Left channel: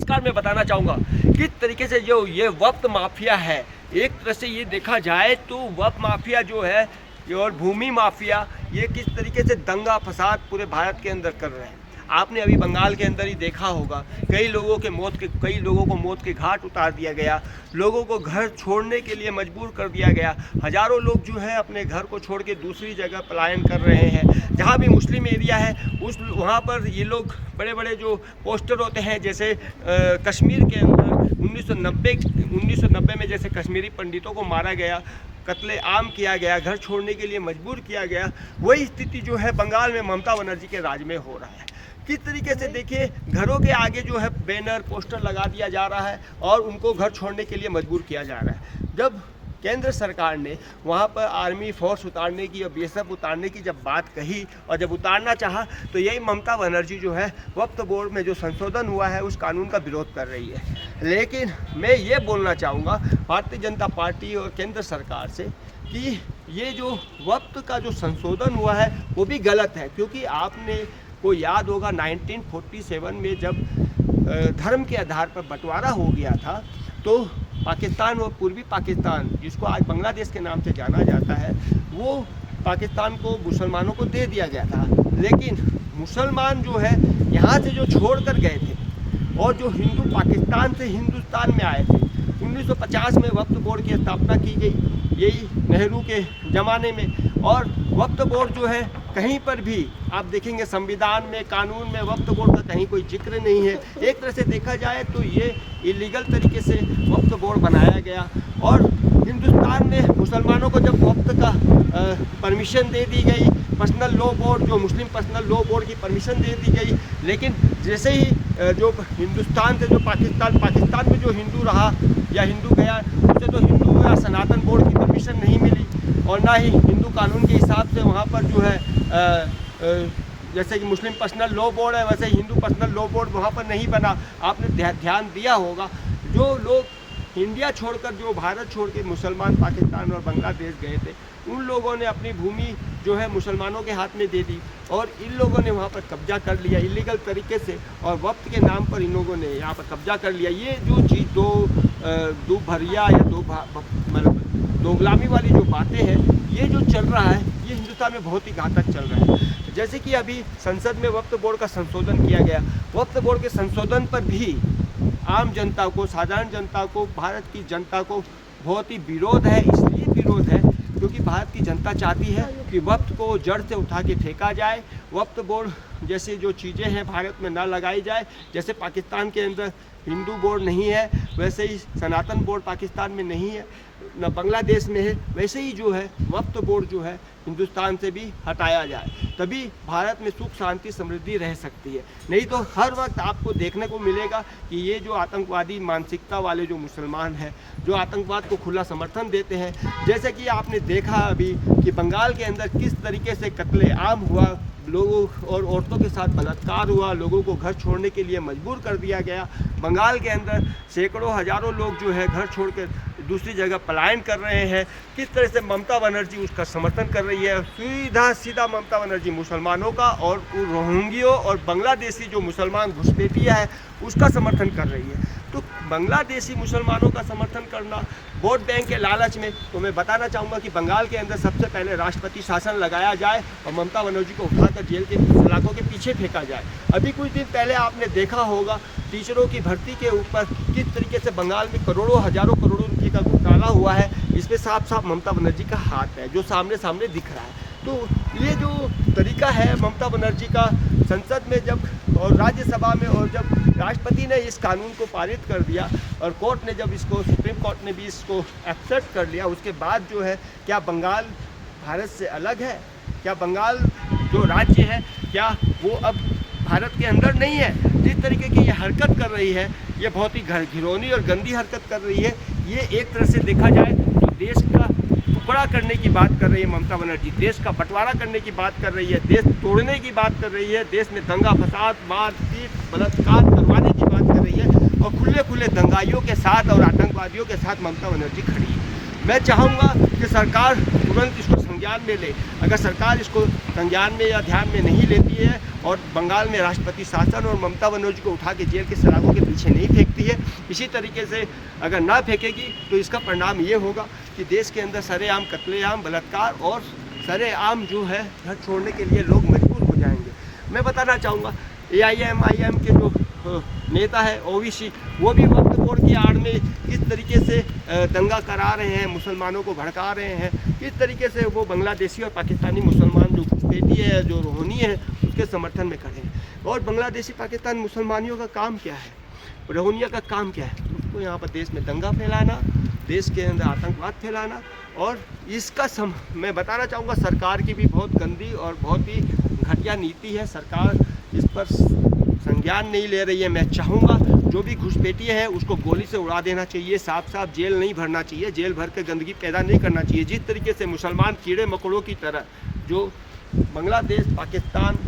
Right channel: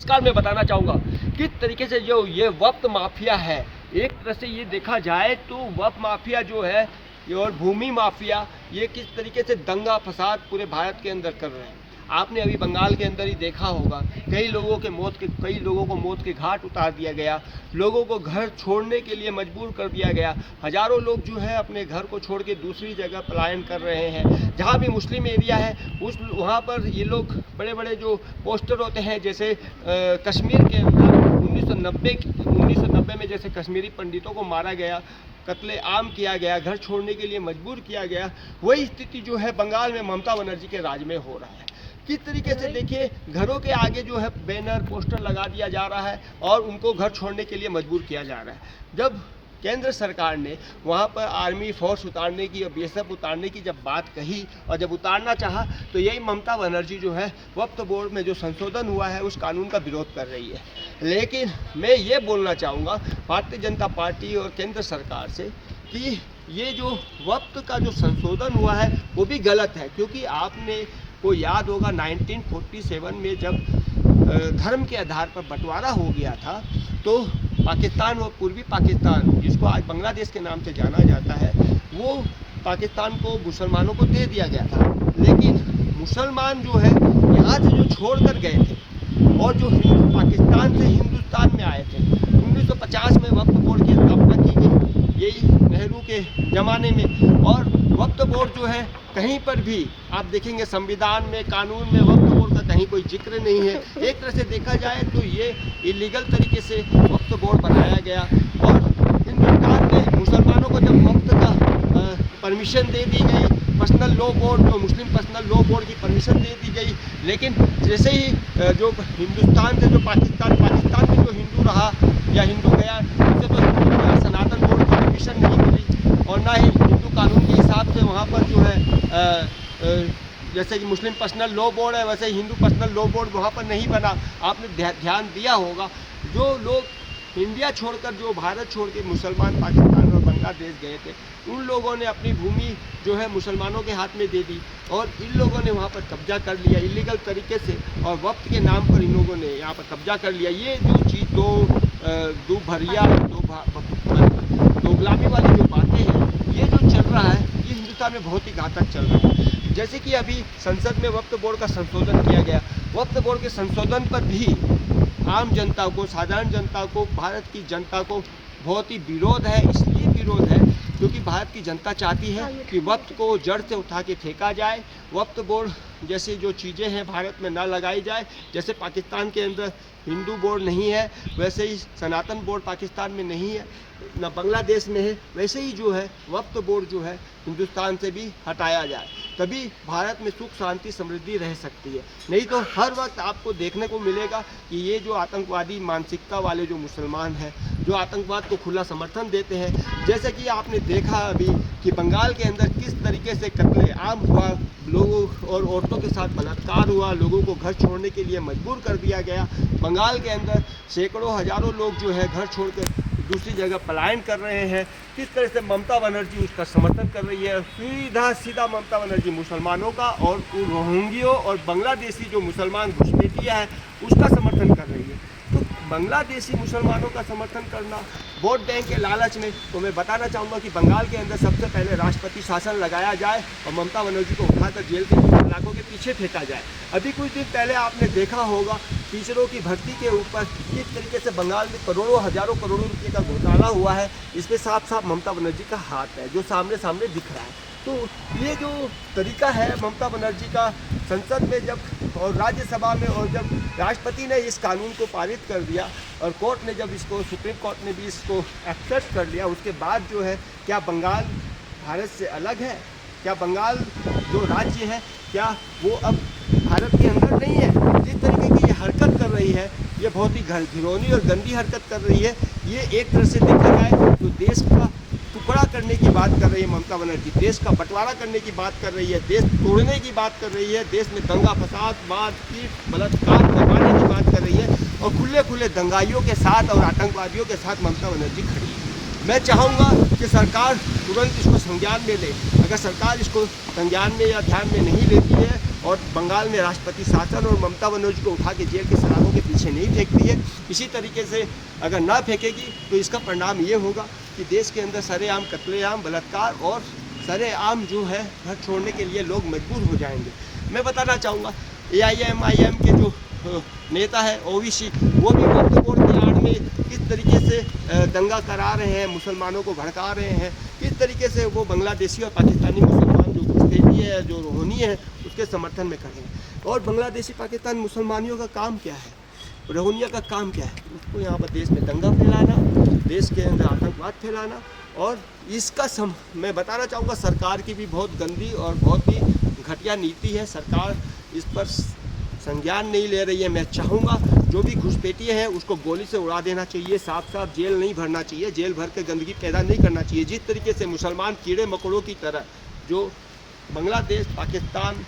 नमस्कार, मैं बताना चाहूँगा किस तरीके से जो ये वक्त माफिया है, एक तरह से ये देखा जाए तो वक्त माफिया जो है ये और भूमि माफिया ये किस तरीके से दंगा फसाद पूरे भारत के अंदर कर रहे हैं। आपने अभी बंगाल के अंदर ही देखा होगा, कई लोगों को मौत के घाट उतार दिया गया, लोगों को घर छोड़ने के लिए मजबूर कर दिया गया। हज़ारों लोग जो है अपने घर को छोड़ के दूसरी जगह पलायन कर रहे हैं। जहाँ भी मुस्लिम एरिया है वहाँ पर ये लोग बड़े बड़े जो पोस्टर होते हैं, जैसे कश्मीर के अंदर 1990 में जैसे कश्मीरी पंडितों को मारा गया, कत्ले आम किया गया, घर छोड़ने के लिए मजबूर किया गया, वही स्थिति जो है बंगाल में ममता बनर्जी के राज में हो रहा है। किस तरीके से देखिए, घरों के आगे जो है बैनर पोस्टर लगा दिया जा रहा है और उनको घर छोड़ने के लिए मजबूर किया जा रहा है। जब केंद्र सरकार ने वहाँ पर आर्मी फोर्स उतारने की और बीएसएफ उतारने की जब बात कही और जब उतारना चाहा, तो यही ममता बनर्जी जो है वक्फ बोर्ड में जो संशोधन हुआ है उस कानून का विरोध कर रही है। लेकिन मैं ये बोलना चाहूँगा भारतीय जनता पार्टी और केंद्र सरकार से कि ये जो वक्फ का जो संशोधन हुआ है वो भी गलत है, क्योंकि आपने को याद होगा 1947 में जब धर्म के आधार पर बंटवारा हो गया था, तो पाकिस्तान और पूर्वी पाकिस्तान, जिसको आज बांग्लादेश के नाम से जाना जाता है, वो पाकिस्तान को मुसलमानों को दे दिया गया था। लेकिन मुसलमान जो है यहाँ से जो छोड़ कर गए थे और जो हिंदू पाकिस्तान से हिंदुस्तान में आए थे, 1950 में वक्फ बोर्ड की स्थापना की गई, यही नेहरू के ज़माने में। और वक्फ बोर्ड जो है कहीं पर भी आप देखेंगे संविधान में, कानून में वक्फ बोर्ड का कहीं कोई जिक्र नहीं है। एक तरह से देखा जाए तो ये इलीगल तरीके से वक्फ बोर्ड बनाया गया और हिंदुस्तान में मुसलमानों को जब वक्फ का परमिशन दे दी गई, पर्सनल लॉ बोर्ड, जो मुस्लिम पर्सनल लॉ बोर्ड की परमिशन दे दी गई, लेकिन जैसे ही जो हिंदुस्तान से जो पाकिस्तान में जो हिंदू रहा या हिंदू गया, उससे तो हिंदू या सनातन बोर्ड की परमिशन नहीं मिली और ना ही हिंदू कानून के हिसाब से वहाँ पर जो है जैसे कि मुस्लिम पर्सनल लॉ बोर्ड है, वैसे हिंदू पर्सनल लॉ बोर्ड वहाँ पर नहीं बना। आपने ध्यान दिया होगा, जो लोग इंडिया छोड़कर, जो भारत छोड़ के मुसलमान पाकिस्तान और बांग्लादेश गए थे, उन लोगों ने अपनी भूमि जो है मुसलमानों के हाथ में दे दी और इन लोगों ने वहाँ पर कब्जा कर लिया इलीगल तरीके से, और वक्त के नाम पर इन लोगों ने यहाँ पर कब्जा कर लिया। ये जो चीज़ दो भरिया या दो गुलामी वाली जो बातें हैं, ये जो चल रहा है ये हिंदुस्तान में बहुत ही घातक चल रहा है। जैसे कि अभी संसद में वक्फ बोर्ड का संशोधन किया गया, वक्फ बोर्ड के संशोधन पर भी आम जनता को, साधारण जनता को, भारत की जनता को बहुत ही विरोध है। इसलिए विरोध है क्योंकि भारत की जनता चाहती है कि वक्फ को जड़ से उठा के फेंका जाए, वक्फ बोर्ड जैसे जो चीज़ें हैं भारत में ना लगाई जाए। जैसे पाकिस्तान के अंदर हिंदू बोर्ड नहीं है, वैसे ही सनातन बोर्ड पाकिस्तान में नहीं है, न बांग्लादेश में है, वैसे ही जो है वक्फ बोर्ड जो है हिंदुस्तान से भी हटाया जाए, तभी भारत में सुख शांति समृद्धि रह सकती है। नहीं तो हर वक्त आपको देखने को मिलेगा कि ये जो आतंकवादी मानसिकता वाले जो मुसलमान हैं, जो आतंकवाद को खुला समर्थन देते हैं, जैसे कि आपने देखा अभी कि बंगाल के अंदर किस तरीके से कत्ले आम हुआ, लोगों और औरतों के साथ बलात्कार हुआ, लोगों को घर छोड़ने के लिए मजबूर कर दिया गया। बंगाल के अंदर सैकड़ों हज़ारों लोग जो है घर छोड़कर दूसरी जगह पलायन कर रहे हैं। किस तरह से ममता बनर्जी उसका समर्थन कर रही है, सीधा ममता बनर्जी मुसलमानों का और रोहिंग्यों और बांग्लादेशी जो मुसलमान घुसपैठिया है उसका समर्थन कर रही है। तो बांग्लादेशी मुसलमानों का समर्थन करना वोट बैंक के लालच में, तो मैं बताना चाहूँगा कि बंगाल के अंदर सबसे पहले राष्ट्रपति शासन लगाया जाए और ममता बनर्जी को उठाकर जेल के सलाखों के पीछे फेंका जाए। अभी कुछ दिन पहले आपने देखा होगा टीचरों की भर्ती के ऊपर किस तरीके से बंगाल में करोड़ों हजारों करोड़ों रुपये का घोटाला हुआ है। इसमें साफ साफ ममता बनर्जी का हाथ है जो सामने सामने दिख रहा है। तो ये जो तरीका है ममता बनर्जी का, संसद में जब और राज्यसभा में, और जब राष्ट्रपति ने इस कानून को पारित कर दिया और कोर्ट ने जब इसको, सुप्रीम कोर्ट ने भी इसको एक्सेप्ट कर लिया, उसके बाद जो है क्या बंगाल भारत से अलग है? क्या बंगाल जो राज्य है क्या वो अब भारत के अंदर नहीं है? जिस तरीके की ये हरकत कर रही है, ये बहुत ही घिनौनी और गंदी हरकत कर रही है। ये एक तरह से देखा जाए तो देश का टुकड़ा करने की बात कर रही है ममता बनर्जी, देश का बंटवारा करने की बात कर रही है, देश तोड़ने की बात कर रही है, देश में दंगा फसाद, मारपीट, बलात्कार करवाने की बात कर रही है और खुले खुले दंगाइयों के साथ और आतंकवादियों के साथ ममता बनर्जी खड़ी है। मैं चाहूँगा कि सरकार तुरंत इसको संज्ञान में ले। अगर सरकार इसको संज्ञान में या ध्यान में नहीं लेती है और बंगाल में राष्ट्रपति शासन और ममता बनर्जी को उठा के जेल के सलाखों के पीछे नहीं फेंकती है, इसी तरीके से अगर ना फेंकेगी तो इसका परिणाम ये होगा कि देश के अंदर सरेआम कत्लेआम, बलात्कार और सरेआम जो है घर छोड़ने के लिए लोग मजबूर हो जाएंगे। मैं बताना चाहूँगा AIM के जो नेता है ओवैसी, वो भी वक्फ बोर्ड की आड़ में किस तरीके से दंगा करा रहे हैं, मुसलमानों को भड़का रहे हैं, किस तरीके से वो बांग्लादेशी और पाकिस्तानी मुसलमान जो घुसपैठी है, जो रोहनी है, उसके समर्थन में खड़े हैं। और बांग्लादेशी पाकिस्तानी मुसलमानियों का काम क्या है, रोहनिया का काम क्या है? उसको यहाँ पर देश में दंगा फैलाना, देश के अंदर आतंकवाद फैलाना। और इसका मैं बताना चाहूँगा सरकार की भी बहुत गंदी और बहुत ही घटिया नीति है। सरकार इस पर संज्ञान नहीं ले रही है। मैं चाहूँगा जो भी घुसपैठिए हैं उसको गोली से उड़ा देना चाहिए, साफ साफ जेल नहीं भरना चाहिए, जेल भर के गंदगी पैदा नहीं करना चाहिए। जिस तरीके से मुसलमान कीड़े मकोड़ों की तरह जो बांग्लादेश, पाकिस्तान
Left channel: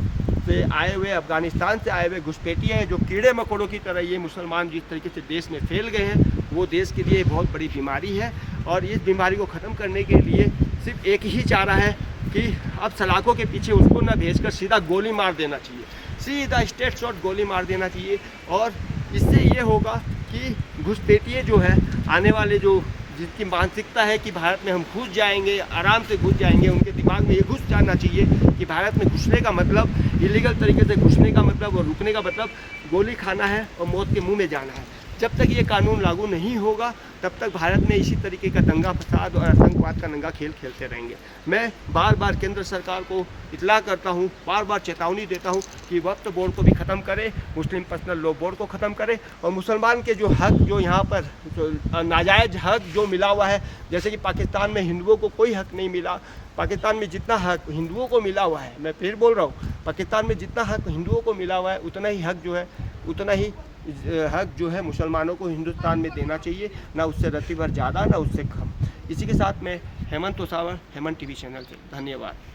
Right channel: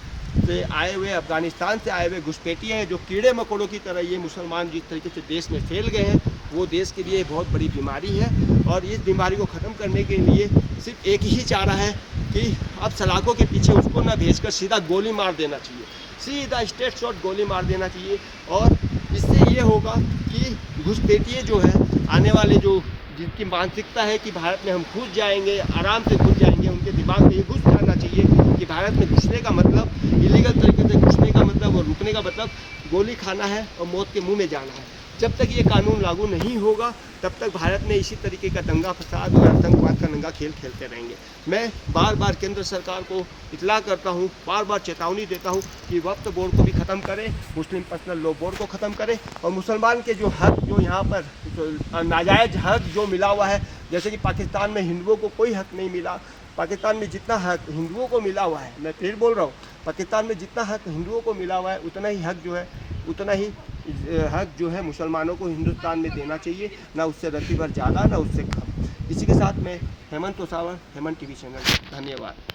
से आए हुए, अफगानिस्तान से आए हुए घुसपैठिए हैं, जो कीड़े मकोड़ों की तरह ये मुसलमान जिस तरीके से देश में फैल गए हैं, वो देश के लिए बहुत बड़ी बीमारी है। और इस बीमारी को ख़त्म करने के लिए सिर्फ एक ही चारा है कि अब सलाखों के पीछे उसको ना भेजकर सीधा गोली मार देना चाहिए, सीधा स्ट्रेट शॉट गोली मार देना चाहिए। और इससे ये होगा कि घुसपैठिए जो है आने वाले जो जिनकी मानसिकता है कि भारत में हम घुस जाएंगे, आराम से घुस जाएंगे, उनके दिमाग में ये घुस जाना चाहिए कि भारत में घुसने का मतलब, इलीगल तरीके से घुसने का मतलब और रुकने का मतलब गोली खाना है और मौत के मुंह में जाना है। जब तक ये कानून लागू नहीं होगा तब तक भारत में इसी तरीके का दंगा फसाद और आतंकवाद का नंगा खेल खेलते रहेंगे। मैं बार बार केंद्र सरकार को इतला करता हूँ, बार बार चेतावनी देता हूँ कि वक्फ बोर्ड को भी ख़त्म करे, मुस्लिम पर्सनल लॉ बोर्ड को ख़त्म करे और मुसलमान के जो हक, जो यहाँ पर नाजायज़ हक जो मिला हुआ है, जैसे कि पाकिस्तान में हिंदुओं को कोई हक नहीं मिला, पाकिस्तान में जितना हक हिंदुओं को मिला हुआ है, मैं फिर बोल रहा हूँ, पाकिस्तान में जितना हक हिंदुओं को मिला हुआ है उतना ही हक जो है, उतना ही हक जो है मुसलमानों को हिंदुस्तान में देना चाहिए, ना उससे रत्ती भर ज़्यादा ना उससे कम। इसी के साथ मैं हेमंत तोसावर, हेमंत टीवी चैनल, धन्यवाद।